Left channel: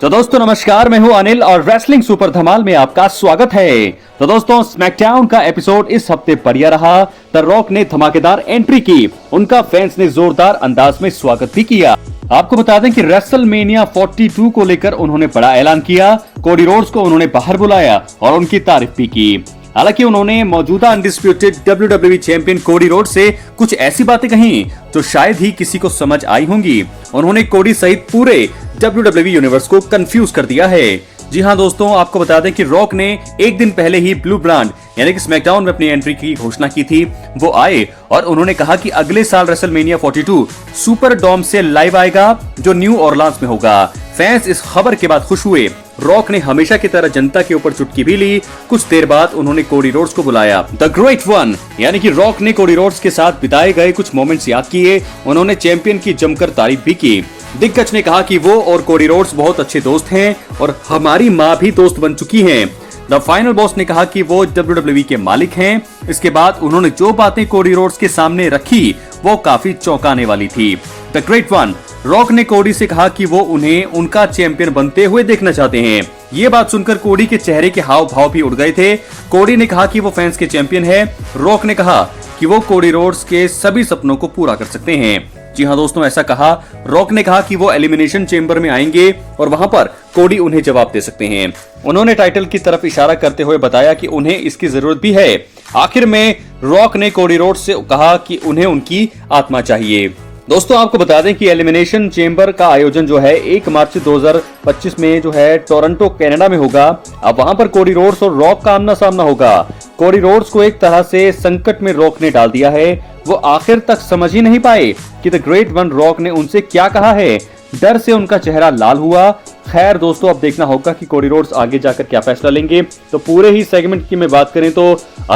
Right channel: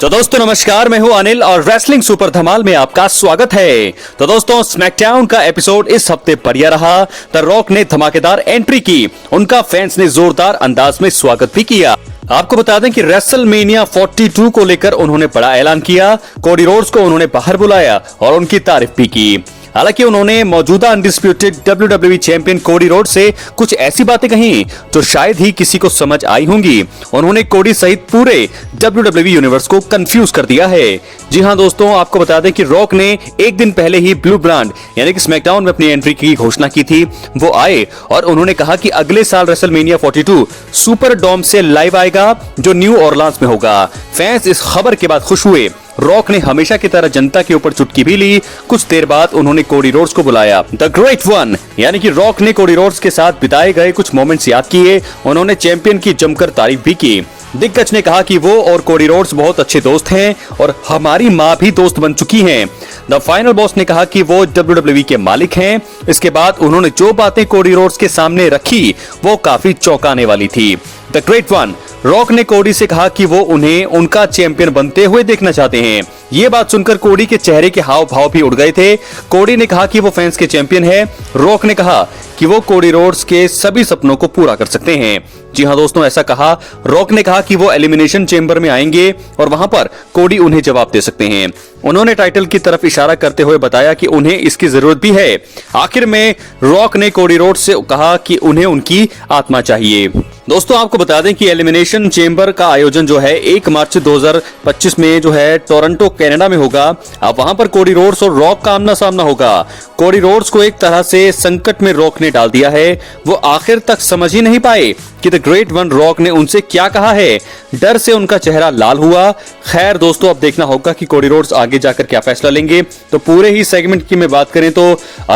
तो दोस्तों नमस्कार, मैं हूं अनिल और रेसलिंग सुपर धमाल में आपका स्वागत है। तो दोस्तों स्मैकडाउन का एपिसोड इस हफ्ते बढ़िया रहा। द रॉक ने धमाकेदार एंट्री की, उनका फैंस ने जोरदार अंदाज में स्वागत भी किया। आपको बता दें कि रेसलमेनिया 42 को लेकर उन्होंने बड़ा ऐलान किया। कोडी रोड्स को उन्होंने बाहर बुलाया और उनकी तारीफ भी की। हालांकि उन्होंने मौजूदा undisputed WWE champion Cody Rhodes से कुछ ऐसी बातें कही जो शायद ही किसी को समझ आई होंगी। उन्होंने कोडी सहित पूरे WWE यूनिवर्स को कंफ्यूज कर दिया है। जी हां दोस्तों, आपको बता दें कि रॉक ने एक दिन पहले ही ब्लू ब्रांड यानी कि स्मैकडाउन में अपनी एंट्री की घोषणा की थी। वो आए और उन्होंने कहा कि अगले साल रेसलमेनिया 42 सुपर डोम से लाइव आएगा जो न्यू ऑरलांस में होगा। फैंस इस खबर के बाद खुश हुए। रॉक ने हमेशा की तरह जनता के ऊपर चुटकी भी ली। कुछ देर बाद उन्होंने कोडी रोड्स को बुलाया। द ग्रेट वन यानी कि रॉक ने कोडी रोड्स के साथ बिताए गए कुछ मोमेंट्स याद किए। उन्होंने चैंपियन की जमकर तारीफ भी की। दिग्गज ने कहा कि वो और कोडी रोड्स बहुत अच्छे दोस्त हैं और हमारी माँ भी दोस्त बन चुकी हैं। द फाइनल बॉस ने कहा कि वो WWE के मालिक हैं। इसके बाद उन्होंने जो बातें कोडी रोड्स के सामने रखी वो काफी चौंकाने वाली थी। द ग्रेट वन रॉक ने कोडी से कहा कि वो उन्हें उनका चैंपियन बनते हुए देखना चाहते हैं। ये बात सुनकर कोडी के चेहरे के हाव भाव भी उड़ गए थे। कोडी ने कहा कि वो फैंस के चैंपियन है। रॉक ने कहा कि वो कोडी रोड्स के सभी सपनों को पूरा कर सकते हैं। जी हाँ दोस्तों, ऐसा कहा। रॉक ने कहा कि वो एलिमिनेशन चेंबर में आएंगे और वहां पर कोडी उन्हें जवाब दे सकते हैं। उन्होंने टाइटल की तरफ इशारा करते हुए बताया कि उन्हें इसकी जरूरत भी है। आखिर में रॉक ने कोडी रोड्स से कहा कि उन्हें उनकी आत्मा चाहिए। दोस्तों आपको बता दें कि एलिमिनेशन चेंबर का आयोजन जो है 1 मार्च 2025 में जो है टोरंटो कनाडा में होगा। अब वहां पर कोडी रोड्स और रॉक का आमना सामना होगा। कोडी रोड्स को एक तरह से संकट में रॉक ने डाल दिया है। वो आखिर तक समझ ही नहीं पाए कि द ग्रेट वन रॉक ने उनसे क्या कहा है। डर से उनका चेहरा लाल हुआ। खैर दोस्तों, अब देखना होगा कि कोडी रोड्स आगे जाकर क्या फैसला लेंगे। तो पूरे ही सेगमेंट की मैं बात करें तो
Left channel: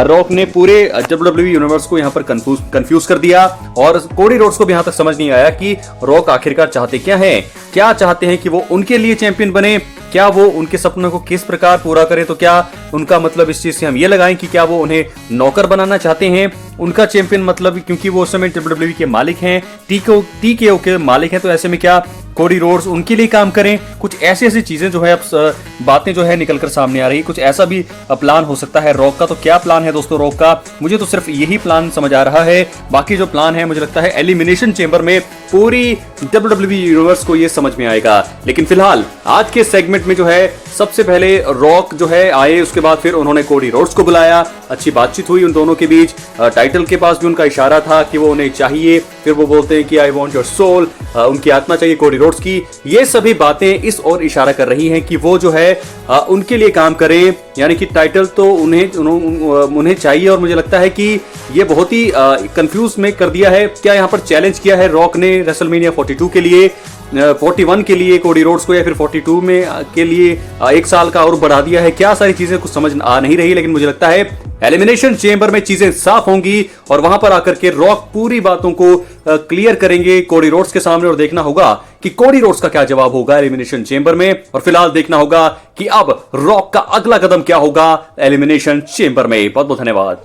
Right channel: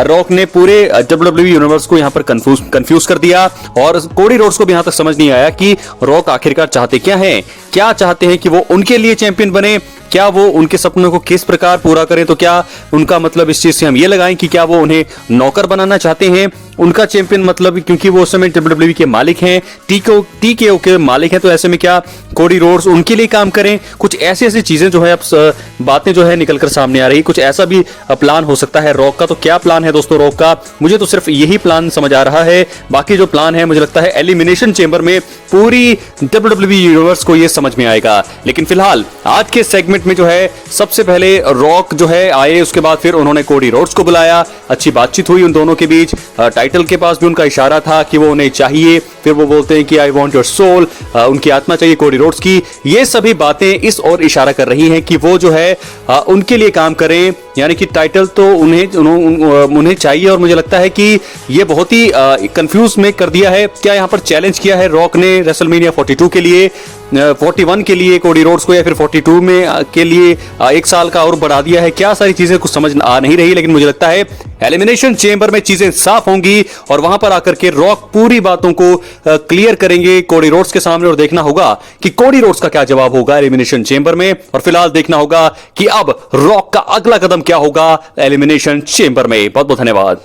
रॉक ने पूरे WWE यूनिवर्स को यहाँ पर कंफ्यूज कर दिया और कोडी रोड्स को भी यहाँ तक समझ नहीं आया कि रॉक आखिरकार चाहते क्या है। क्या चाहते हैं कि वो उनके लिए चैंपियन बने, क्या वो उनके सपनों को किस प्रकार पूरा करें। तो क्या उनका मतलब इस चीज से हम ये लगाएं कि क्या वो उन्हें नौकर बनाना चाहते हैं, उनका चैंपियन मतलब, क्योंकि वो उस समय WWE के मालिक हैं, TKO के मालिक हैं। तो ऐसे में क्या कोडी रोड्स उनके लिए काम करें। कुछ ऐसी चीजें जो है अब बातें जो है निकलकर सामने आ रही। कुछ ऐसा भी प्लान हो सकता है रॉक का। तो क्या प्लान है दोस्तों रॉक का? मुझे तो सिर्फ यही प्लान समझ आ रहा है। बाकी जो प्लान है मुझे लगता है एलिमिनेशन चेंबर में पूरी WWE यूनिवर्स को ये समझ में आएगा। लेकिन फिलहाल आज के सेगमेंट में जो है सबसे पहले रॉक जो है आए, उसके बाद फिर उन्होंने कोडी रोड्स को बुलाया। अच्छी बातचीत हुई उन दोनों के बीच। टाइटल के पास भी उनका इशारा था कि वो उन्हें चाहिए। फिर वो बोलते हैं कि आई वांट योर सोल, उनकी आत्मा चाहिए कोडी रोड्स की। ये सभी बातें इस ओर इशारा कर रही हैं कि वो जो है उनके लिए काम करें, यानी कि टाइटल तो उन्हें चाहिए। और मुझे लगता है कि ये बहुत ही कंफ्यूज में कर दिया है। क्या यहाँ पर चैलेंज किया है रॉक ने रेसलमेनिया 42 के लिए, 41 के लिए कोडी रोड्स को, या फिर 42 में के लिए 1 साल का और बढ़ा दिया है। क्या सारी चीजें कुछ समझ आ नहीं रही। लेकिन मुझे लगता है एलिमिनेशन चेंबर में चीजें साफ होंगी और वहां पर आकर के रॉक पूरी बातों को क्लियर करेंगे कोडी रोड्स के सामने। और देखना होगा कि कोडी रोड्स का क्या जवाब होगा एलिमिनेशन चेंबर में। और फिलहाल देखना होगा कि अब रॉक का अगला कदम क्या होगा एलिमिनेशन चेंबर में। बहुत बहुत धन्यवाद।